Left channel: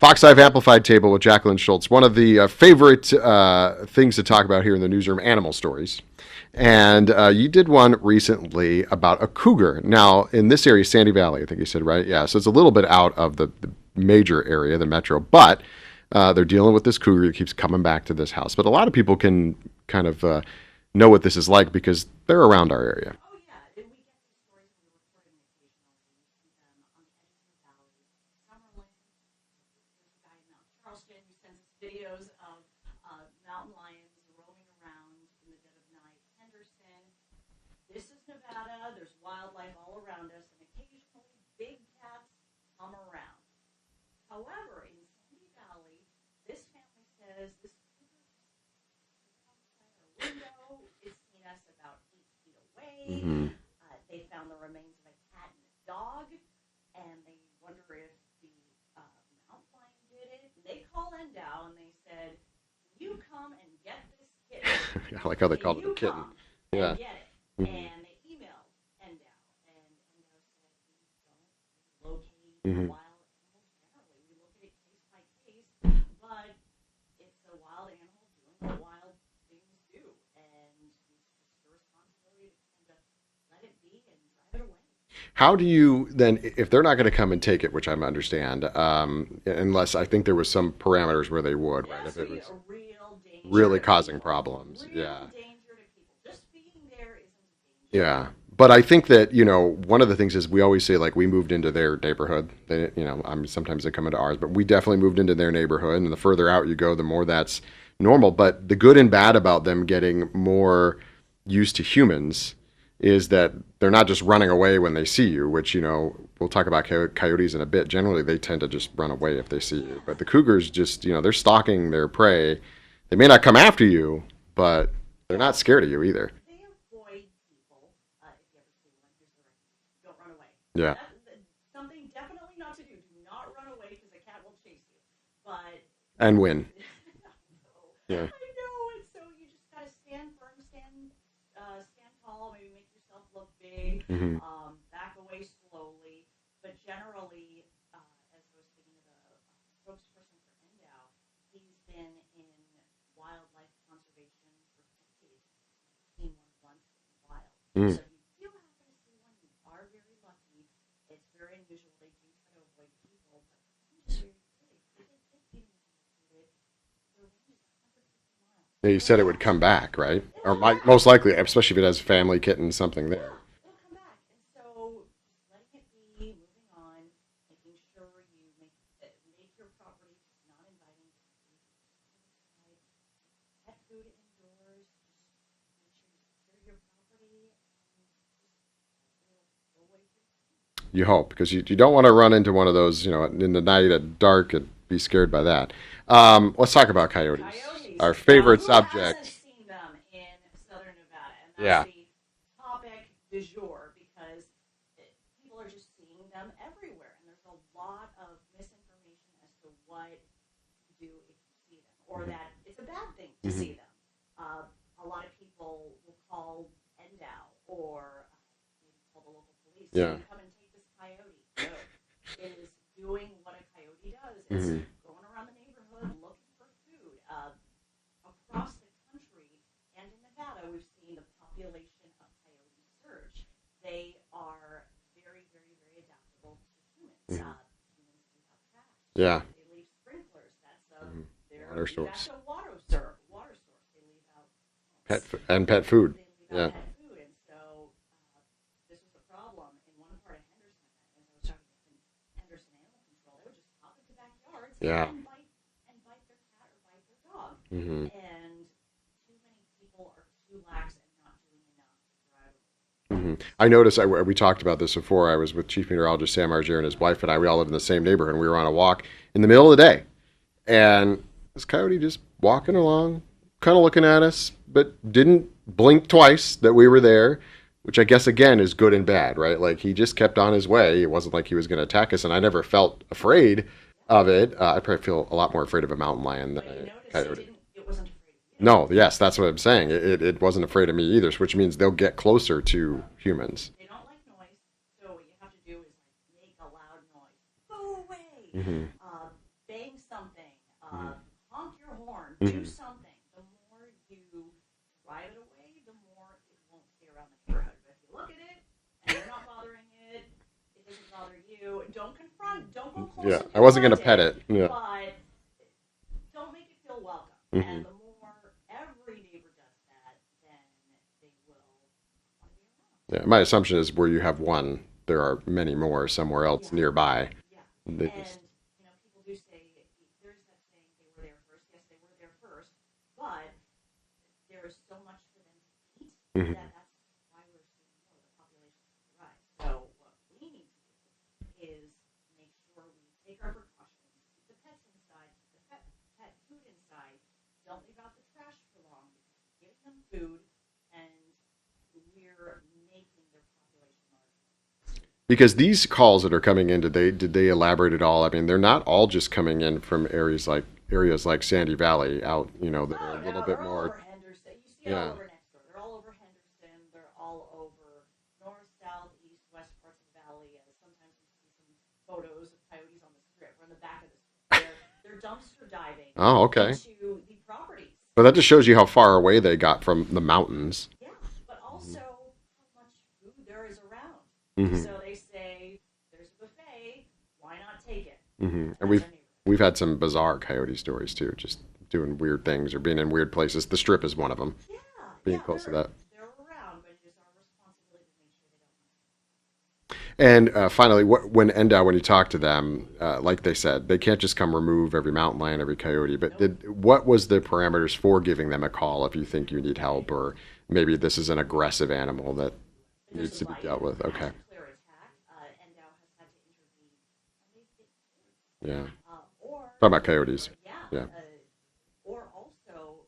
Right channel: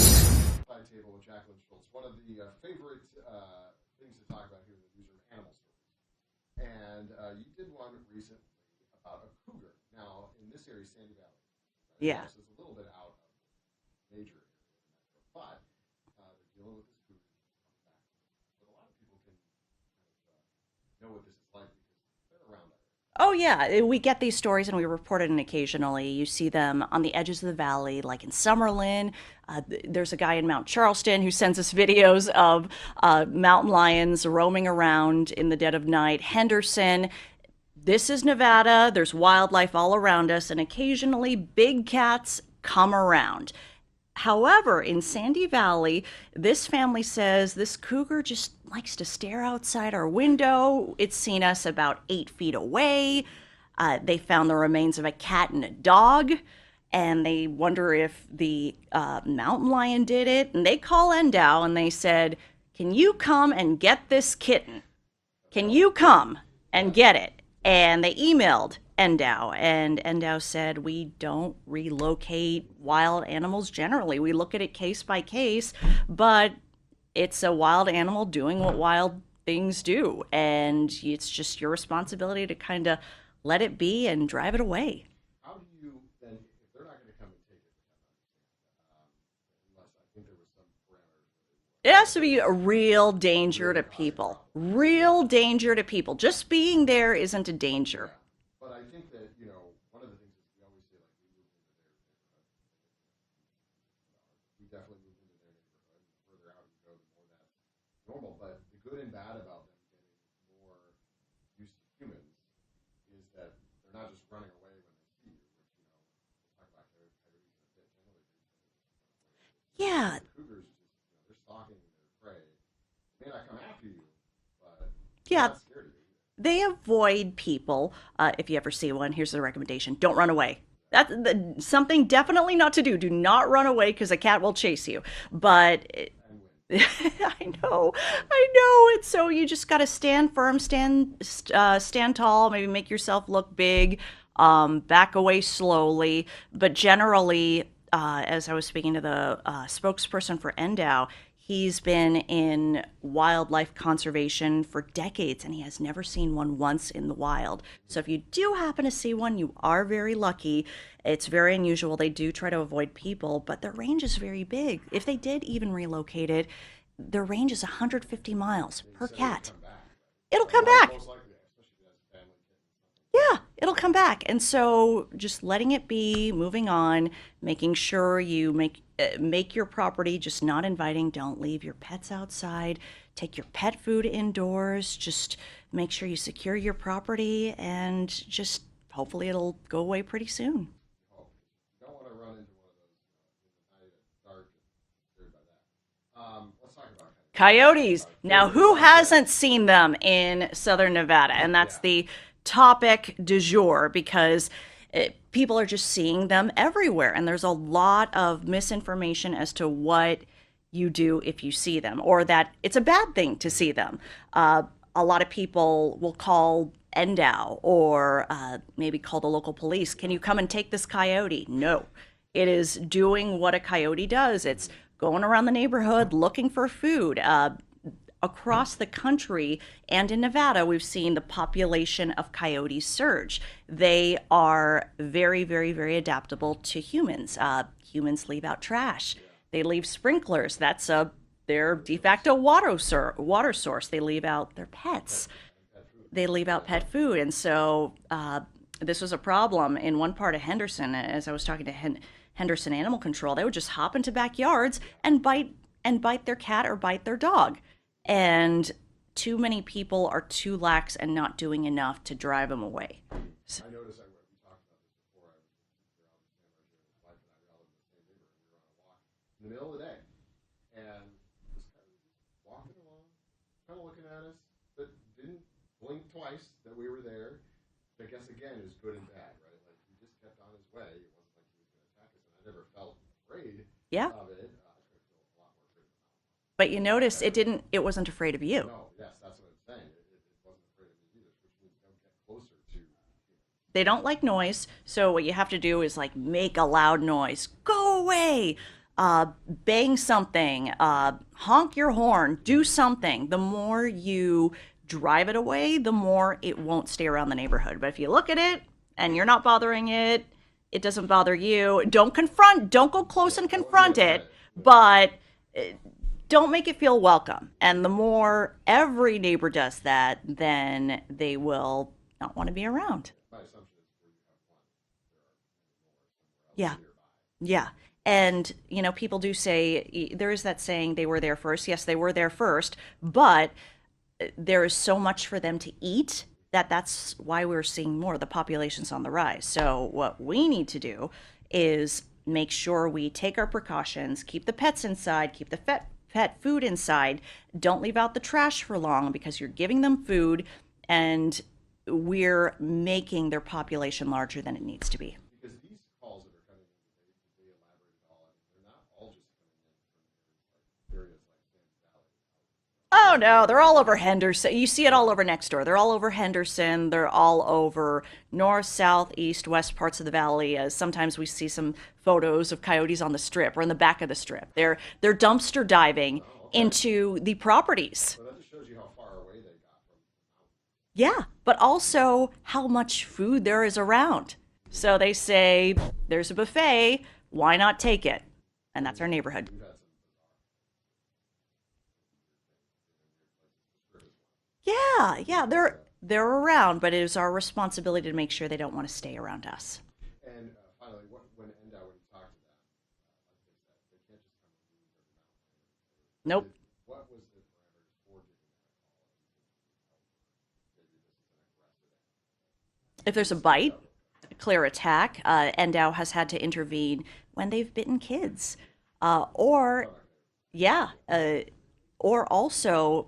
Box Hive Amplified Table with Jacqueline Schultz. One of the favorite things to talk about here in the newsroom, animal stories. And you did one recently about a cougar. Now, in this area, Sandy Valley, I think you said, right? Yeah. So it's a little bit out of the major area, the metro, but they're dealing with this cougar that keeps coming back to this house. But a lot of people can kind of know what this is like because they're around our area. Oh, yeah. We get these stories and we report it, and occasionally you see them on the edges of the valley, like in Summerlin. There's a guy in Mount Charleston who sends us videos of mountain lions roaming around in the dead of night. Henderson. This is Nevada. There's wildlife all around us, and occasionally big cats come around. However, in Sandy Valley, this family says this cougar just likes to stare outside our window. It's seen us about 8 feet away. They found the remains of a cat and a dog, and they wonder if the mountain lion did it. And they call Endow and they said, "Can you come and get this kitten? I like how they Can call you it. come and Yeah. get it?" And they emailed Endow, and Endow said, "We don't relocate wild animals generally. We look at it case by case, but it's a wild animal doing what wild things do, and it's just your responsibility to kind of let it be and drive it away." How do you then, if they're not going to come and take it, which I understand, unless I think there was some parameters where they would. It Right? has If to it be was a real danger really to causing people. problems. Real Yeah. danger to people. Just being there isn't a danger. Yeah. But I think that, one of the things is we always say, like, we moved into their neighborhood. Sometimes they come into ours, but we definitely moved into their neighborhood. And the further out you go, the more that's normal. But the good and bad about them getting more used to humans is that they're not just running away when they see you, which, we'll talk about coyotes in a bit. Generally, they tend to just run away if they see you. Yeah. But the cougars just, they're stalking their prey. They may not come after you, but they're Yeah. not scared of you either. They avoid people. If you ever see one, here's the recommendation: don't run away. Yeah. That's something definitely not to do. Do not run away because a cat will chase you. But And win. I know, Yeah. I know. It's so you just got to stand firm, stand tall. Maybe make yourself look big. Back away slowly. But generally, as I was speaking to the spokesperson for Endow, he's been in wildlife conservation for decades, and he has never seen one once in the wild. So if you do happen to see one, you are very lucky. It's very unusual. They do try to avoid people, but their range is very big. If they did even relocate it, their range is 150 miles. Yeah, you per said it would cat. come back, right? It'll Or come back. Most likely, especially if it has family, kitten, something. Yeah, it'll come back. And so just letting it be, moving on, making sure you make your property just not inviting. Don't leave your pets outside. Take your pet food indoors. Just make sure you secure your property, and just hopefully it'll go away pretty soon. You hope, because you don't want to run into one of those, in the night at dark and be scared by that. Let's talk about coyotes. Coyotes. Our favorite now, who subject. hasn't seen them in southern Nevada? And that's Yeah. the topic du jour, because people are just seeing them everywhere. And there's a lot of misinformation as to what you do if you see them, or that it's a bad thing to see them. A lot of people will call Endow or maybe call the local police. Yeah. Can you come and take this coyote? No. It is doing what a coyote does. It's going around the neighborhood looking for food. Across the country and in Nevada, we've seen the population of coyotes surge. They are very, very, very adaptable to humans. Humans leave out trash. Yeah. They leave sprinklers. That's their Water de source. facto water source. They leave out their pets. Pet food. They leave out Yeah. pet food. And so this was a problem in one part of Henderson. As I was talking to Henderson Animal Control, they would just hop into backyards Yeah. and bite their cat or bite their dog. And too many people are too lax and not doing enough to drive them away. I noticed, we talked about this before. I was with Chief Meteorologist Sam Argier and his wife and I. We all live in the same neighborhood, and we were on a walk in the middle of the day. And this coyote just walking along, kind of looking at us, but didn't blink twice that we were there. which I guess again is good and bad, right? Like he just kept on his way. It wasn't like he was going to attack us, and I never felt afraid Yeah. of it. I probably feel a lot more afraid of a mountain lion. But you notice it wasn't afraid of you. No, yes, that's what I'm saying. It wasn't afraid of me either, which means they'll get closer to humans. They don't like noise, so what you have to do is like make a loud noise. Go away! Bang something. Honk your horn. Do something. The more you drive it away, the more it won't stay around the neighborhood. But if you look at it and you're not bothering it, it doesn't bother you. Don't confront. Don't go close and confront I wasn't going to pet it. Yeah. But don't make it feel welcome. And the more every neighbor does that, then they will not want to be around. Yeah, my assumption is where you have one, there are many more somewhere else nearby. Yeah. And, people do say, there is that saying, they were there first. Yes, they were there first, but there is so much for them to eat that's why we're seeing more. The population's on the rise. So what we need to do is make sure we take our precautions, keep the pets inside, keep the pet food inside. Don't leave out the trash for long because you're giving them food and we're making their population larger than it needs to be. Because these calls that are coming in, did they elaborate at all? I mean, they're not all just coming in from areas like Sandy Valley out, Oh no, they're all over Henderson. You see it all over next door. They're all over Henderson. They're all over north, south, east, west parts of the valley. Sometimes we see some photos of coyotes on the strip or in the back of the strip. They're dumpster diving into the properties. But that just shows you how far away they got from the mountains. Yeah, but also how much food there is around. So they say, there's a buffet, why not take it? And that's our neighborhood. We've had some bizarre coyote stories too, just doing weird things or being in weird places. The strip is one of them. Yeah, they're around, but it is our responsibility to make sure they don't want to stay around us. And finally, when you talk to them, like they said, they can't just come remove every mountain lion, every coyote. But what was the parameters for giving them a call if you think you need help, or maybe this is an aggressive animal that if there's a bite, okay, clear attack, NDOW has had to intervene when they've bitten kids. Yeah. Or talking about coyotes. Yeah. Or also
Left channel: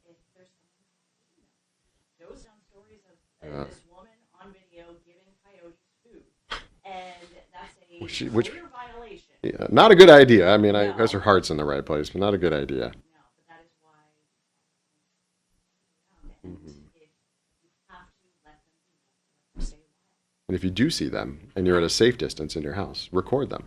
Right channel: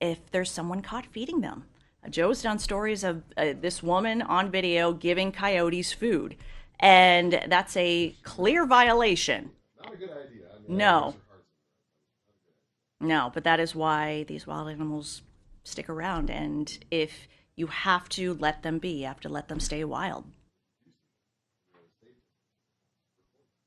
if there's someone caught feeding them. Joe's done stories of this woman on video giving coyotes food, and that's a clear violation. Yeah, not a good idea. I mean, I guess her heart's in the right place, but not a good idea. No, but that is why these wild animals stick around, and if you have to let them be, you have to let them stay wild. And if you do see them and you're at a safe distance in your house, record them.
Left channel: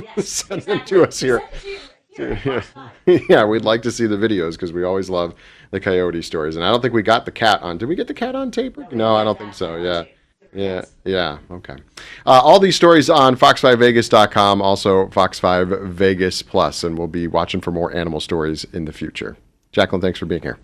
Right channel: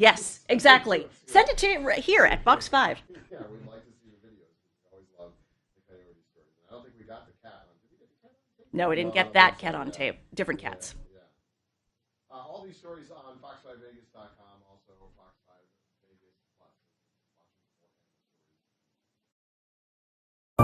Yes, exactly. Send it to here at Fox 5. Yeah, we'd like to see the videos because we always love the coyote stories. And I don't think we got the cat on. Did we get the cat on tape? No, we didn't get that cat on tape. Different cats. Yeah, okay. All these stories on fox5vegas.com, also Fox 5 Vegas Plus, and we'll be watching for more animal stories in the future. Jacqueline, thanks for being here.